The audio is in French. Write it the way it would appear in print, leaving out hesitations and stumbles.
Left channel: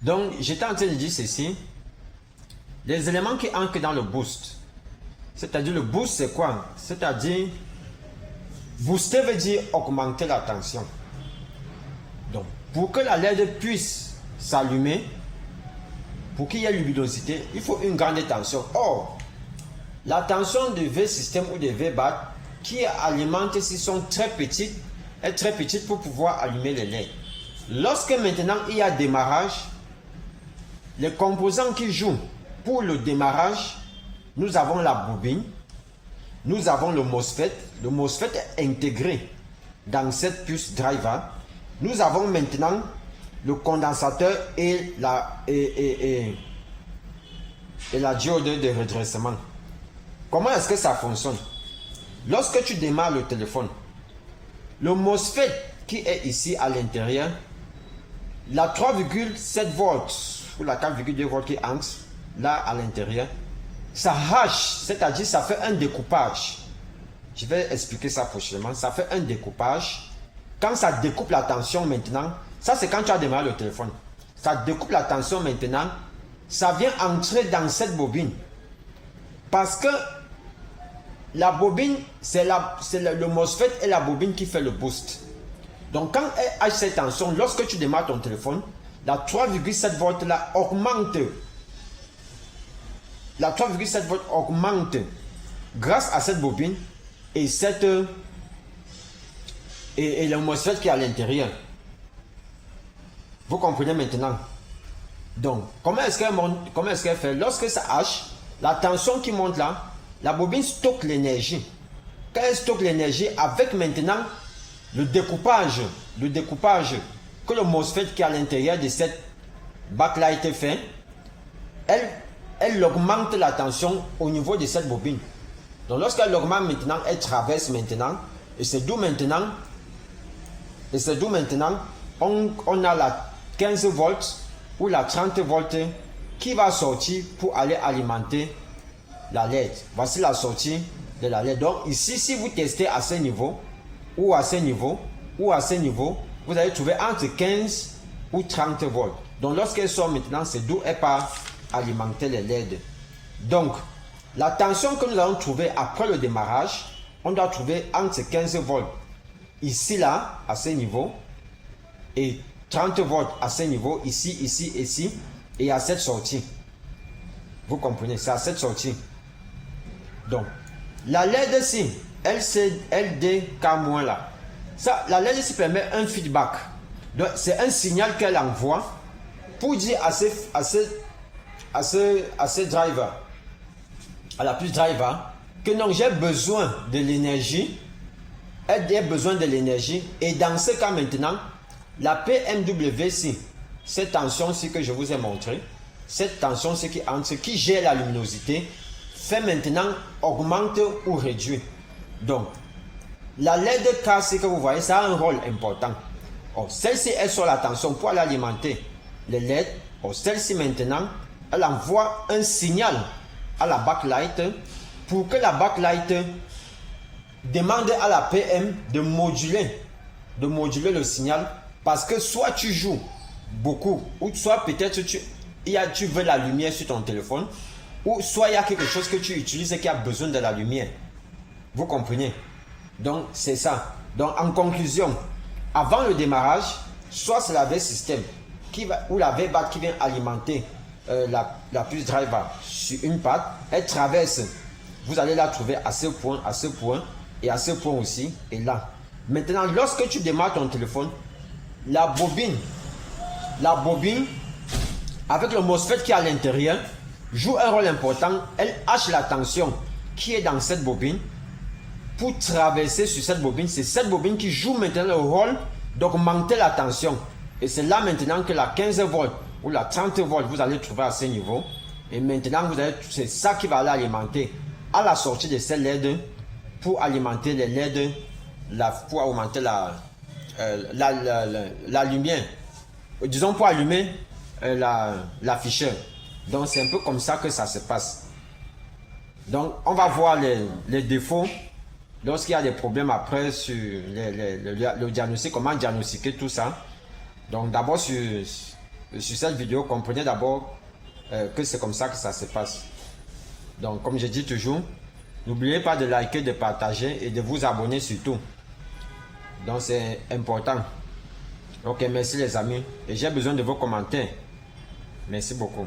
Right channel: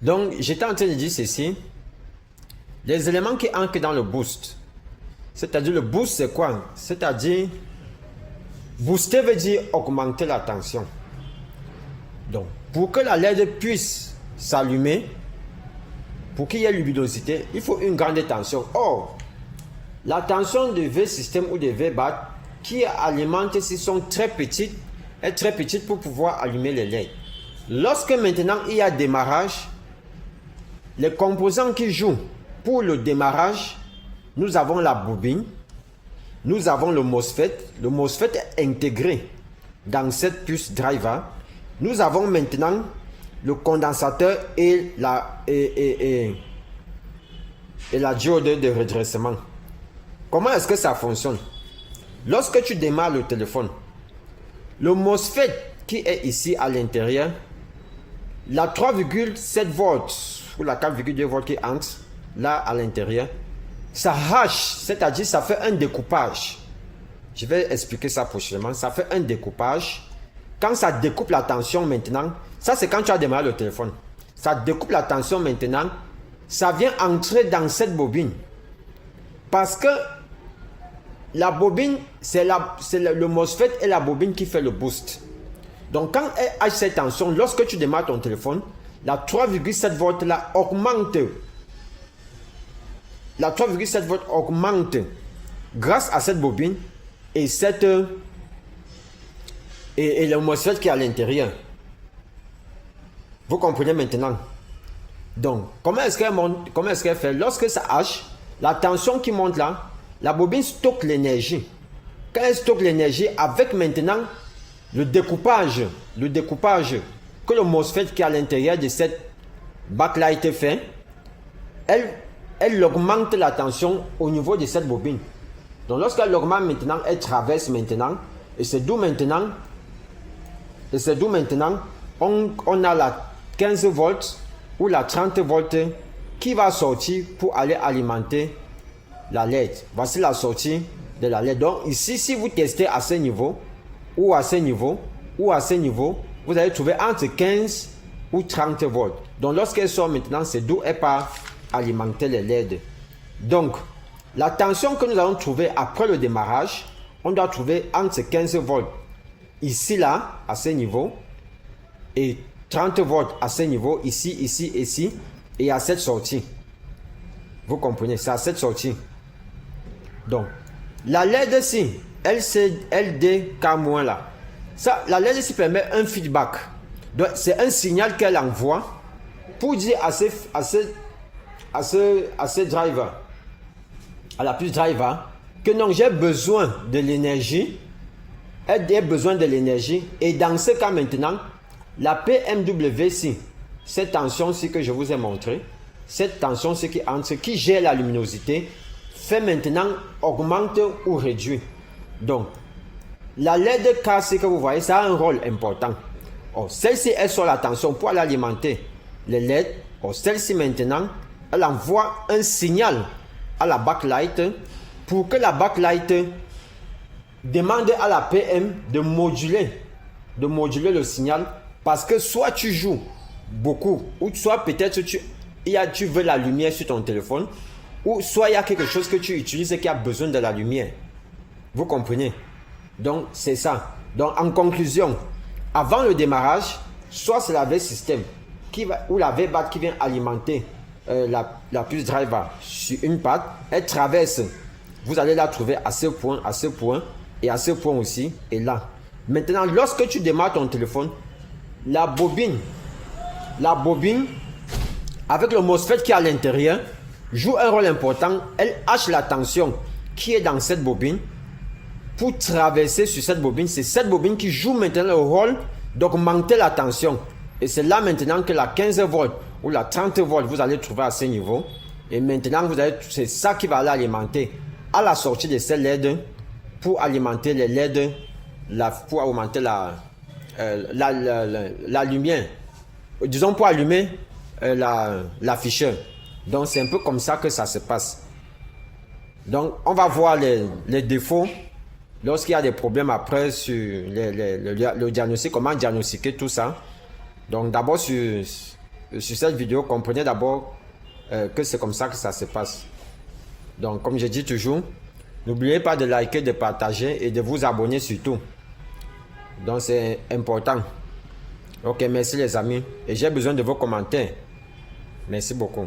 Donc, j'étais en train de dire ceci. Les éléments qui entrent dans le boost. C'est-à-dire, le boost, c'est quoi? C'est-à-dire, booster veut dire augmenter la tension. Donc, pour que la LED puisse s'allumer, pour qu'il y ait luminosité, il faut une grande tension. Or, la tension de V-système ou de V-BAT qui alimente ici sont très petites, est très petite pour pouvoir allumer les LED. Lorsque maintenant il y a démarrage, les composants qui jouent pour le démarrage, nous avons la bobine, nous avons le MOSFET. Le MOSFET est intégré dans cette puce driver. Nous avons maintenant le condensateur et la diode de redressement. Comment est-ce que ça fonctionne? Lorsque tu démarres le téléphone, le MOSFET qui est ici à l'intérieur, la 3,7 volts ou la 4,2 volts qui entre là à l'intérieur, ça hache, c'est-à-dire ça fait un découpage. Je vais expliquer ça prochainement. Ça fait un découpage. Quand ça découpe la tension maintenant, ça c'est quand tu as démarré le téléphone. Ça découpe la tension maintenant, ça vient entrer dans cette bobine. Parce que la bobine, c'est le MOSFET et la bobine qui fait le boost. Donc quand elle a cette tension, lorsque tu démarres ton téléphone, la 3,7 volts là augmente. La 3,7 volts augmente grâce à cette bobine et le MOSFET qui est à l'intérieur. Vous comprenez maintenant? Donc, comment est-ce qu'elle monte? Comment est-ce qu'elle fait? Lorsque ça hache, la tension qui monte là, la bobine stocke l'énergie. Quand elle stocke l'énergie, avec maintenant le découpage que le MOSFET qui est à l'intérieur de cette backlight fait, elle augmente la tension au niveau de cette bobine. Donc lorsqu'elle augmente maintenant, elle traverse maintenant, et c'est d'où maintenant, on a la 15 volts ou la 30 volts qui va sortir pour aller alimenter la LED. Voici la sortie de la LED. Donc ici, si vous testez à ce niveau, ou à ce niveau, ou à ce niveau, vous allez trouver entre 15 ou 30 volts. Donc lorsqu'elle sort maintenant, c'est d'où elle part alimenter les LED. Donc, la tension que nous allons trouver après le démarrage, on doit trouver entre 15 volts ici, là, à ce niveau, et 30 volts à ce niveau, ici, ici, ici, et à cette sortie. Vous comprenez, c'est à cette sortie. Donc, la LED-ci, LDK- là, ça, la LED-ci permet un feedback. Donc, c'est un signal qu'elle envoie pour dire à ce driver, à la puce driver, que non, j'ai besoin de l'énergie, elle a besoin de l'énergie, et dans ce cas maintenant, la PMWC, cette tension-ci que je vous ai montré, cette tension-ci qui gère la luminosité, fait maintenant augmente ou réduit. Donc, la LED KC que vous voyez, ça a un rôle important. Celle-ci, elle sort la tension pour aller alimenter les LED. Celle-ci maintenant, elle envoie un signal à la backlight pour que la backlight demande à la PM de moduler le signal, parce que soit tu joues beaucoup, ou soit peut-être tu veux la lumière sur ton téléphone, ou soit il y a quelque chose que tu utilises et qui a besoin de la lumière. Vous comprenez? Donc c'est ça. Donc en conclusion, avant le démarrage, soit c'est la V-système ou la V-BAT qui vient alimenter la puce driver sur une patte, elle traverse. Vous allez la trouver à ce point et à ce point aussi, et là. Maintenant, lorsque tu démarres ton téléphone, la bobine, avec le MOSFET qui est à l'intérieur, joue un rôle important. Elle hache la tension qui est dans cette bobine pour traverser sur cette bobine. C'est cette bobine qui joue maintenant le rôle d'augmenter la tension. Et c'est là maintenant que la 15 volts ou la 30 volts, vous allez trouver à ce niveau. Et maintenant, c'est ça qui va aller alimenter à la sortie de ces LED pour alimenter les LED, pour augmenter la lumière. Disons pour allumer l'afficheur. Donc c'est un peu comme ça que ça se passe. Donc on va voir les défauts lorsqu'il y a des problèmes après sur le diagnostic, comment diagnostiquer tout ça. Donc d'abord sur sur cette vidéo, comprenez d'abord que c'est comme ça que ça se passe. Donc, comme je dis toujours, n'oubliez pas de liker, de partager et de vous abonner surtout. Donc, c'est important. Ok, merci les amis. Et j'ai besoin de vos commentaires. Merci beaucoup.